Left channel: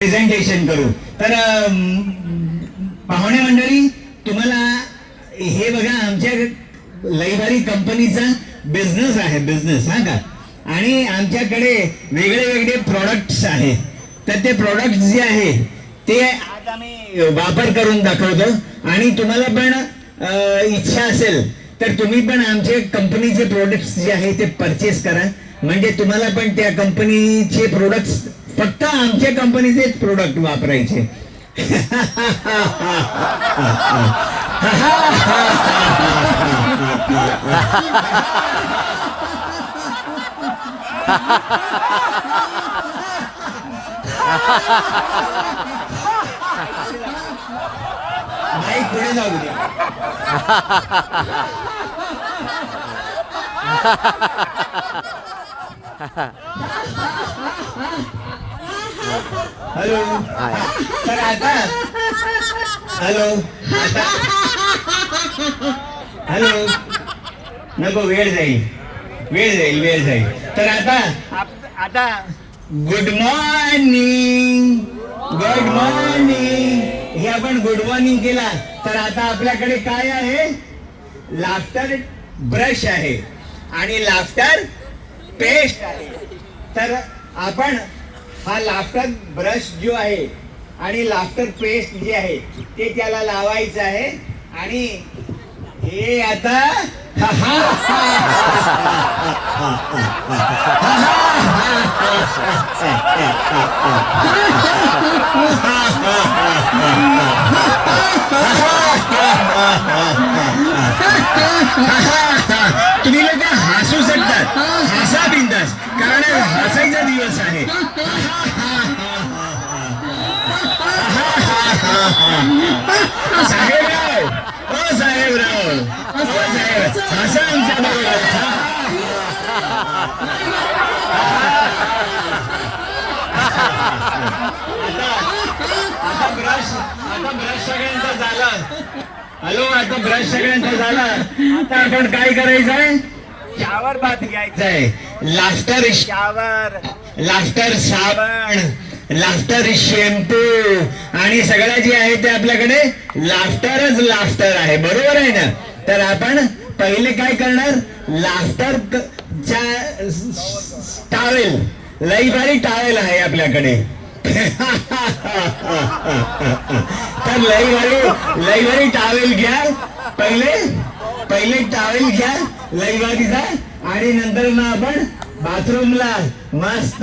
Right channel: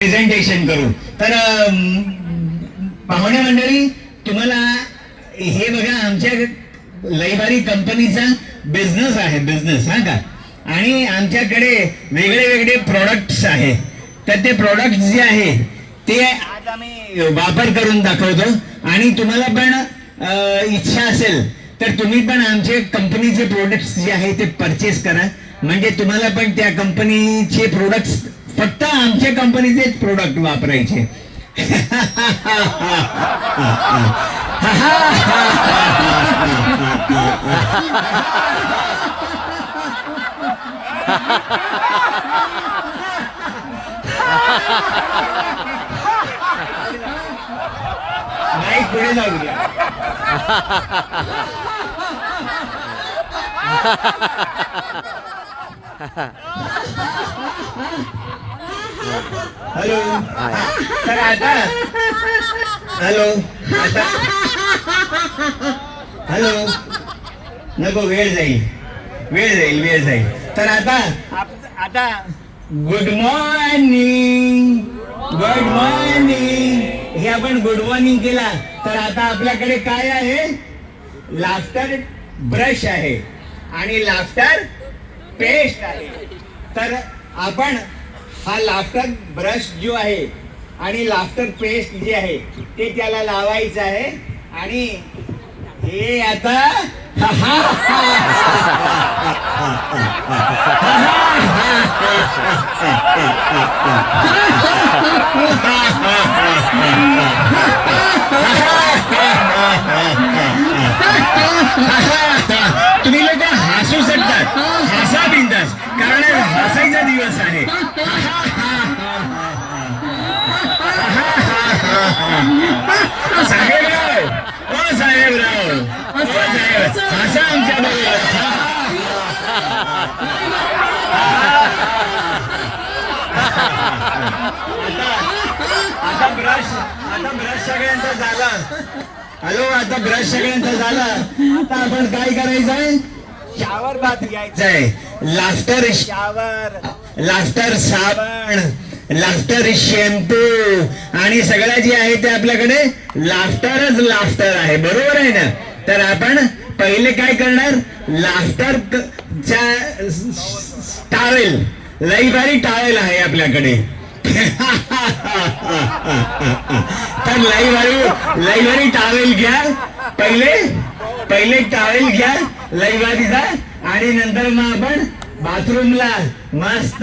Presentation करू. तर पाहुणे मंडळी, तुम्हाला हे बघा, आमच्या लईभारी कंपनीचा बिझनेस आहे, बिझनेस हा का. आणि आमच्याकडे वेगळे वेगळे प्रोडक्ट्स आहे. तर ते प्रोडक्ट जे आहे ते आज आम्ही वापर करून दाखवतो. आणि तुम्हाला पण इच्छा असेल तर तुम्ही पण आमचे कंपनीचे प्रोडक्ट्स जे आहे ते परचेस करा. म्हणजे तुम्हाला पण त्या कंपनीचे प्रोडक्ट्स, फक्त आमच्या कंपनीचे प्रोडक्ट वापरायचे. नाही, पुढे जाऊ द्या. हॅलो. तर आता हॅलो, आता हॅलो, नको, वेळ जाईल, वेळ जाईल, वेळ जाईल. तर आता गुड मॉर्निंग, गुड मॉर्निंग, हे आपण गुड मॉर्निंग केला. तर आता आपल्याकडे काय आहे? लाफ्टर ब्रश आहे आणि लाफ्टर पेस्ट आहे. तर आपण हा लाफ्टर ब्रश जो आहे आणि लाफ्टर पेस्ट जे आहे ते त्याला लावायचं आहे. आणि हे आता तुम्ही लोक हसू शकतात, हसा बिंदास, कारण हसायचा दिवस आहे. साहेबराव, ओ साहेबराव, ओ साहेब, हसा आमच्या. आता ब्रश सगळ्यांचा झाला. हॅलो, आता ब्रश सगळ्यांचा झाला. तर आपण काय करायचंय? शावर बाथ घ्यायचा आहे. लाफ्टर शावर, लाफ्टर साबण, लाफ्टर शॅम्पू आणि सगळं जे आहे ते आपल्याकडे लाफ्टरच लाफ्टर आहे. बरोबर आहे ना? तर आपण पहिले काय करणार? लाफ्टर टावेल, लई भारी टावेल आहे आपल्याकडे. तर लई भारी टावेल घ्या. पहिले टावेल घ्या लई भारीचा. आणि नंतर मग आपण बाथरूमला मस्त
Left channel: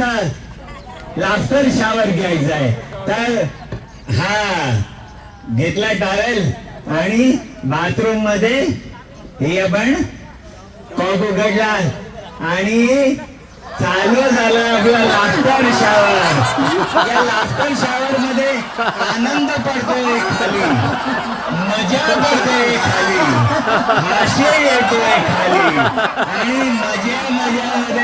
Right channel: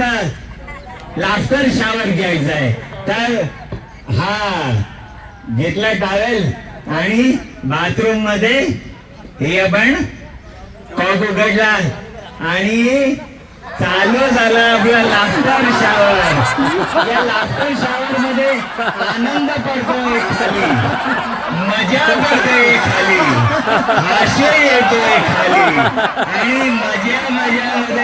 लाफ्टर शावर घ्यायचा आहे. तर हा घेतला टावेल आणि बाथरूम मध्ये हे आपण कॉक उघडला आणि चालू झालं आपला लाफ्टर शावर. या लाफ्टर शावर मध्ये आनंद पडतोय खाली, मजा पडतोय खाली, हास्य येतोय खाली आणि मजा मध्ये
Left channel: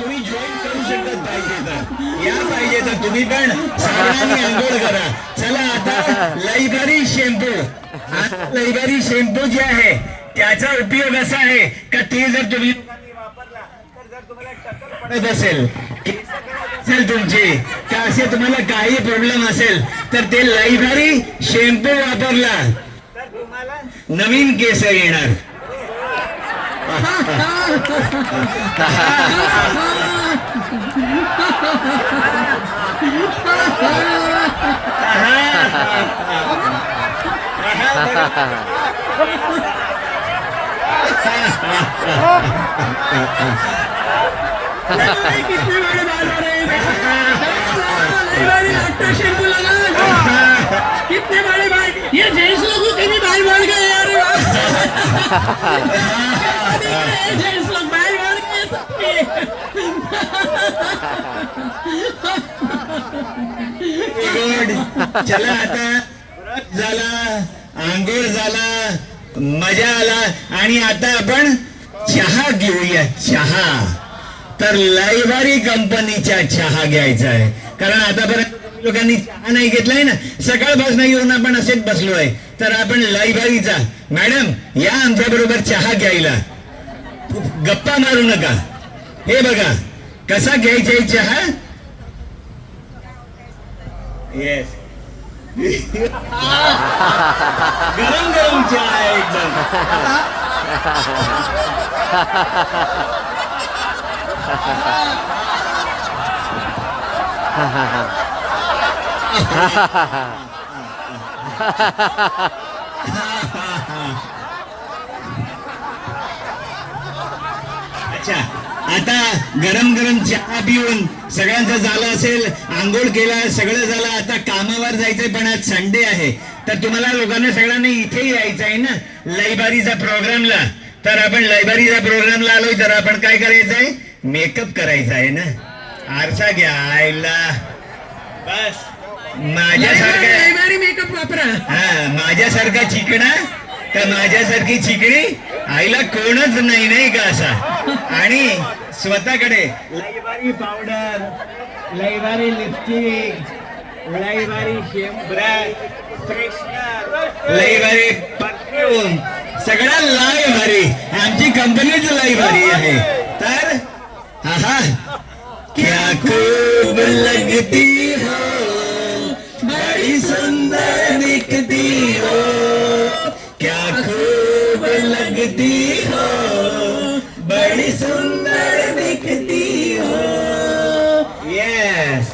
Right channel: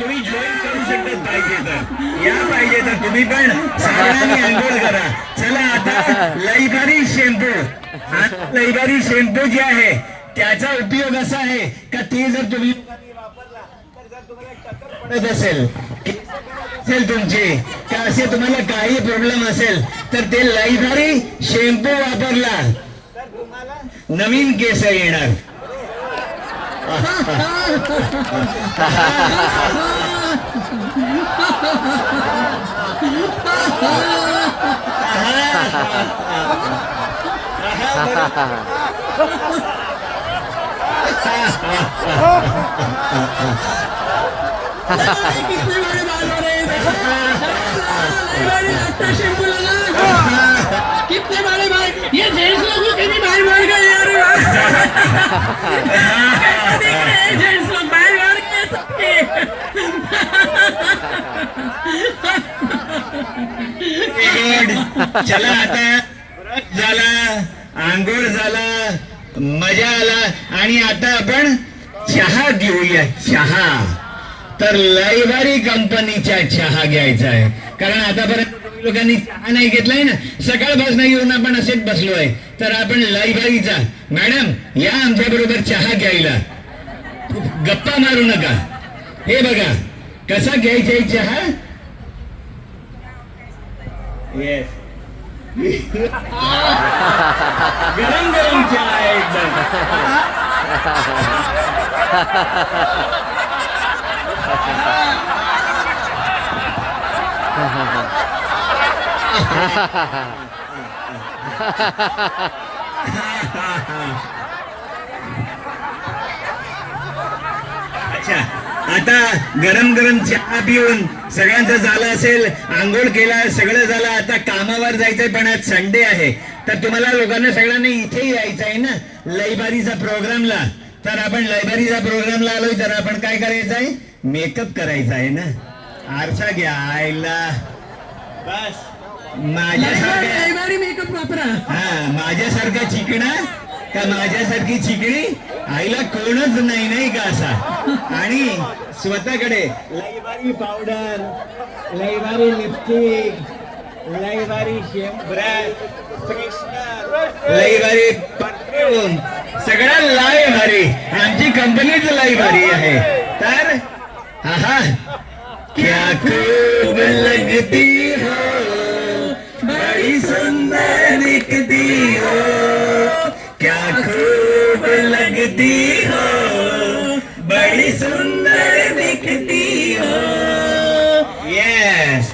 तुम्ही जॉईन करू शकता. पाहिजे तर या, पाहिजे तर तुम्ही पण सगळ्यांनी आंघोळ करा. चला, आता लईभारी शॅम्पू, लईभारी शॅम्पू जे आहे त्याचा उपयोग असा आहे का ते जर तुम्ही वापरला तर जर तुम्हाला टक्कल पडत असेल तुमची, का असे तुम्हाला काही प्रॉब्लेम असेल तर ते लईभारी शॅम्पू वापरला तर तुम्हाला नवीन केस येणार. कितने बड़े भाई, ये जेंट्स लोगों के भी भाई बन गए यार। जेंट्स लोग भाई बन गए। गुड. चला आता व्रत झाला, आंघोळ झाला, मजा आला आणि आता आपण चहा घेऊया. चहा तर लयबारी कंपनीचा चहा घ्यायचा आहे, कारण आतापर्यंत लोकांनी चहा नाही घेतलाय ना. सकाळपासून येऊन आपण असेच बसलोय, तर आपण लयबारीचा. मॅडम या आमच्या बरोबर चहा घ्यायला. गप्पा मारू नका. हे बघा कसा घ्यायचा आहे चहा. येस. गरम गरम चहा आहे एकदम. अच्छा, आता गरम गरम चहा पिऊन सगळ्यांचं झालं असेल, आंघोळ केला, सगळं झालं. आता कामावर जायचंय, पण आज संडे आहे, तर तुम्हाला लोकांना सगळ्यांना इथे यायचं आहे ना लयबारीचा प्रोग्रामला. तर आपण लयबारीचा प्रोग्रामला आलोय, तर आपण काय करायचं आहे, मेकअप करायचा आहे ना. आरसा घ्या आईला. बस माझ्यासारखा, लयबारी मेकअप वापरा. हा माझ्यासारखा चिकणा का माझ्यासारखी चिकणी आईला कोणच नाही, नाही का असा. आणि स्वतःकडे लयबारी पावडर, लयबारी लिपस्टिक, लयबारी ब्रश, लयबारी परफ्यूम, सगळं लयबारी. आमची कंपनीच लयबारी आहे. तर हा क्या खूब लगती हो, बड़ी सुंदर दिखती हो, क्या खूब लगती हो, बड़ी सुंदर दिखती हो. यस.